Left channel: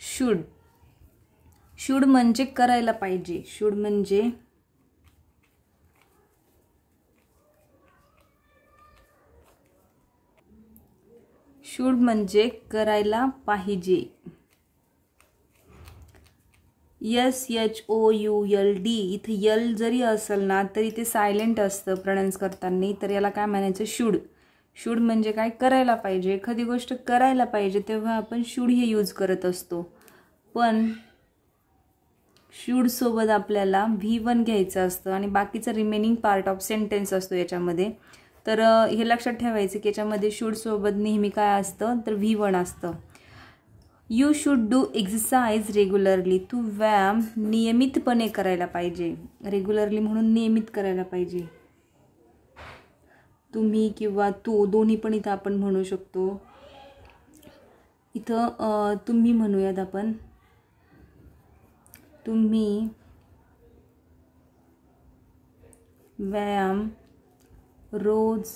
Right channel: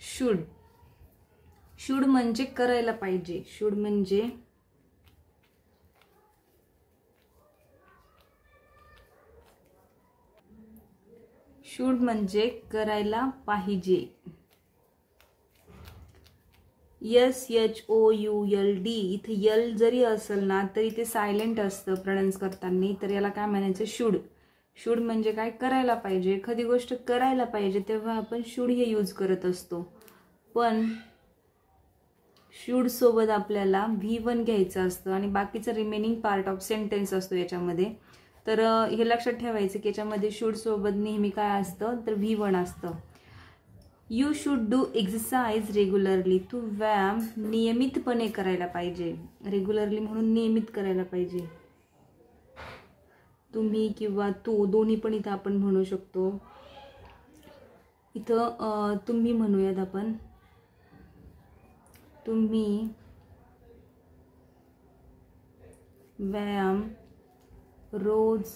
Should, should म्हणजे करायला पाहिजे, शुड म्हणजे करायला पाहिजे. SHOULD इथे यल जरी असेल ना तरी ते सायलेंट असतं प्रोनाउन्स करताना, तर याला काय म्हणायचं? शुड. शुड म्हणजे काय? करायला पाहिजे. एखादी गोष्ट करायला पाहिजे तेव्हा आपण शुड हे यूज करत असतो. पण शुड सोबत आपल्याला V1 घ्यायचं असतं आणि बाकीचं रिमेनिंग पार्ट ऑफ सेंटेन्स असतो याच्यामध्ये. तर हे लक्षात ठेवायचं की याच्यामध्ये शुड सोबत नेहमी काय असतं? तर V1 असतं. You should do exercise regularly. तू व्यायाम नियमितपणे करायला पाहिजे. रेग्युलरली म्हणून नियमित करायला पाहिजे. तुम्ही किंवा तू दोन्ही पण इथं आपण म्हणू शकतो. इथं तुम्ही म्हणूयात आपण. तुम्ही व्यायाम रोज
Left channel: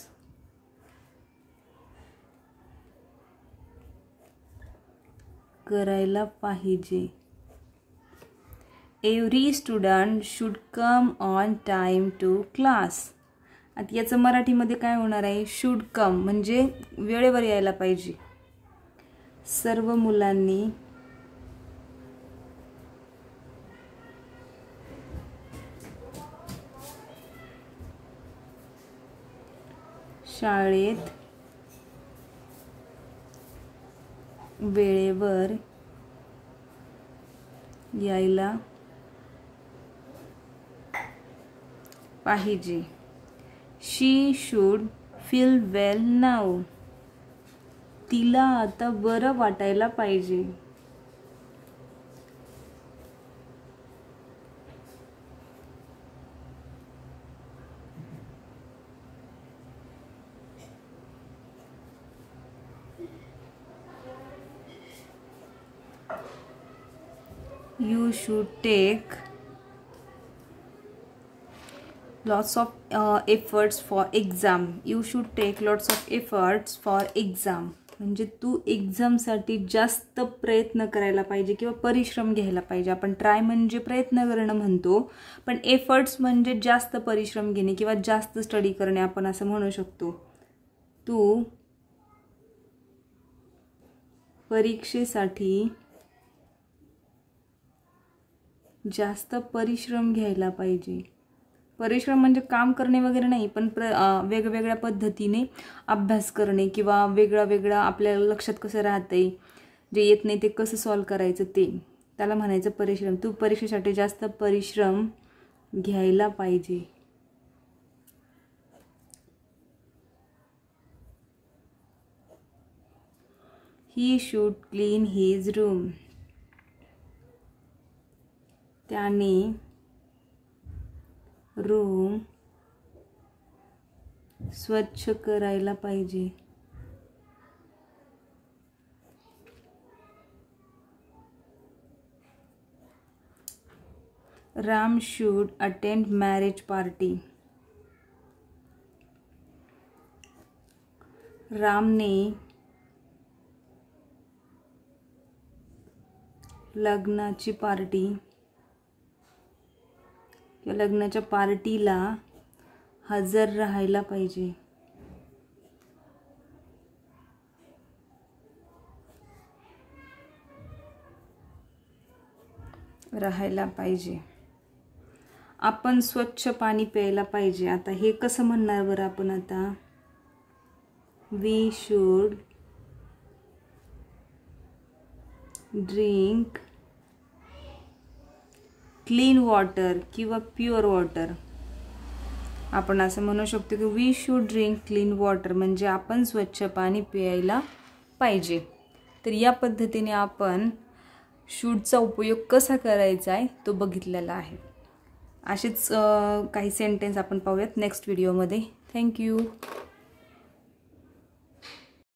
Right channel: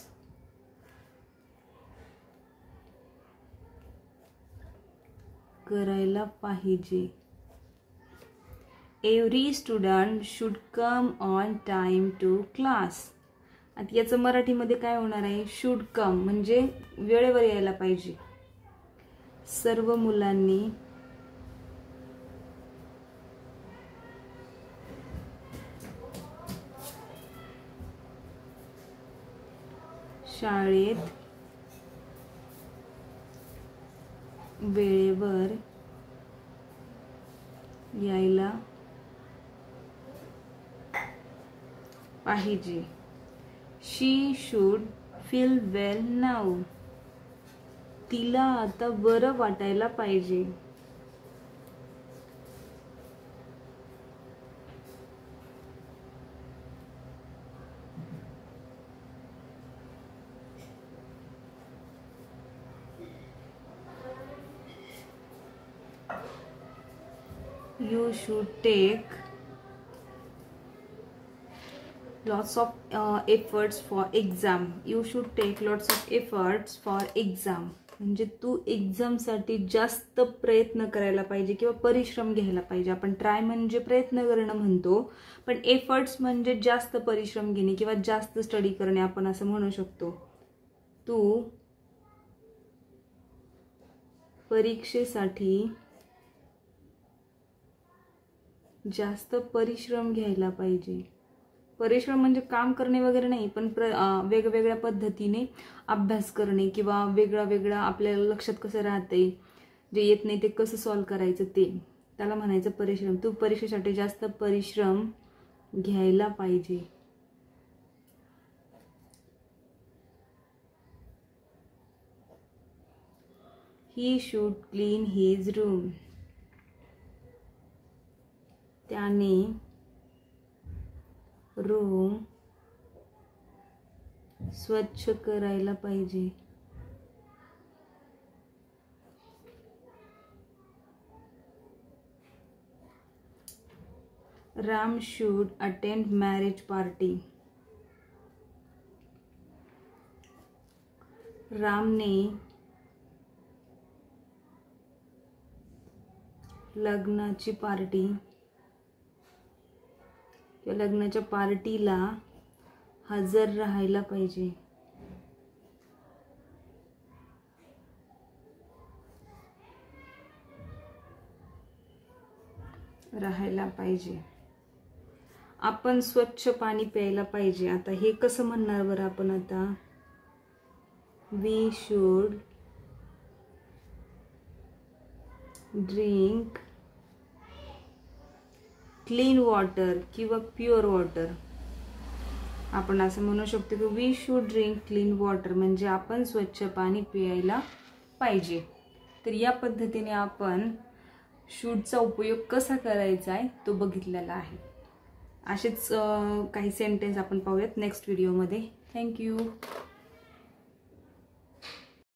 करायला पाहिजे. Every student should come on time to class. आता याचं मराठीमध्ये काय होणार आहे? शुड कम म्हणजे वेळेवर यायला पाहिजे. सर्व मुलांनी शाळेत वेळेवर यायला पाहिजे. शी शुड फील वेल नाऊ. तिला आता बरं वाटायला पाहिजे. You should take lots of efforts for exam. You should take lots of efforts for exam. म्हणजे तू एक्झामसाठी जास्त प्रयत्न करायला पाहिजे किंवा परिश्रम घ्यायला पाहिजे. आपण ट्राय म्हणजे प्रयत्न करणं म्हणतो, पण एफर्ट्स म्हणजे जास्त परिश्रम घेणे किंवा जास्त स्टडी करणे आपण असं म्हणू शकतो. तू परीक्षेसाठी जास्त परिश्रम घ्यायला पाहिजे. परिश्रम म्हणजे काम करणे वगैरे नाही, पण वेगवेगळ्या पद्धतीने अभ्यास करणे किंवा वेगळा आपल्याला लक्षात कसं राहतंय, जे येत नाही ते कसं सॉल्व्ह करायचं ते, त्याला म्हणायचं परिश्रम. तू परीक्षेसाठी जास्त परिश्रम घ्यायला पाहिजे. He should clean his room. त्याने रूम स्वच्छ करायला पाहिजे. Ram should attend marriage party. रामने लग्नाची पार्टी किंवा लग्नाच्या पार्टीला हजर राहायला पाहिजे. आपण स्वच्छ पाणी प्यायला पाहिजे. आता हे कसं म्हणणार बरं आपण? आता we should drink clean water किंवा प्युअर वॉटर. आपण असं म्हणू शकतो की we should drink clean water म्हणजे आपण स्वच्छ पाणी प्यायला पाहिजे. तर या पद्धतीने आपण शूडचा उपयोग कसा करायचा आहे तो बघितलेला आहे. असेच काही सेंटेन्स आपण पाहूयात नेक्स्ट व्हिडिओमध्ये. थँक्यू.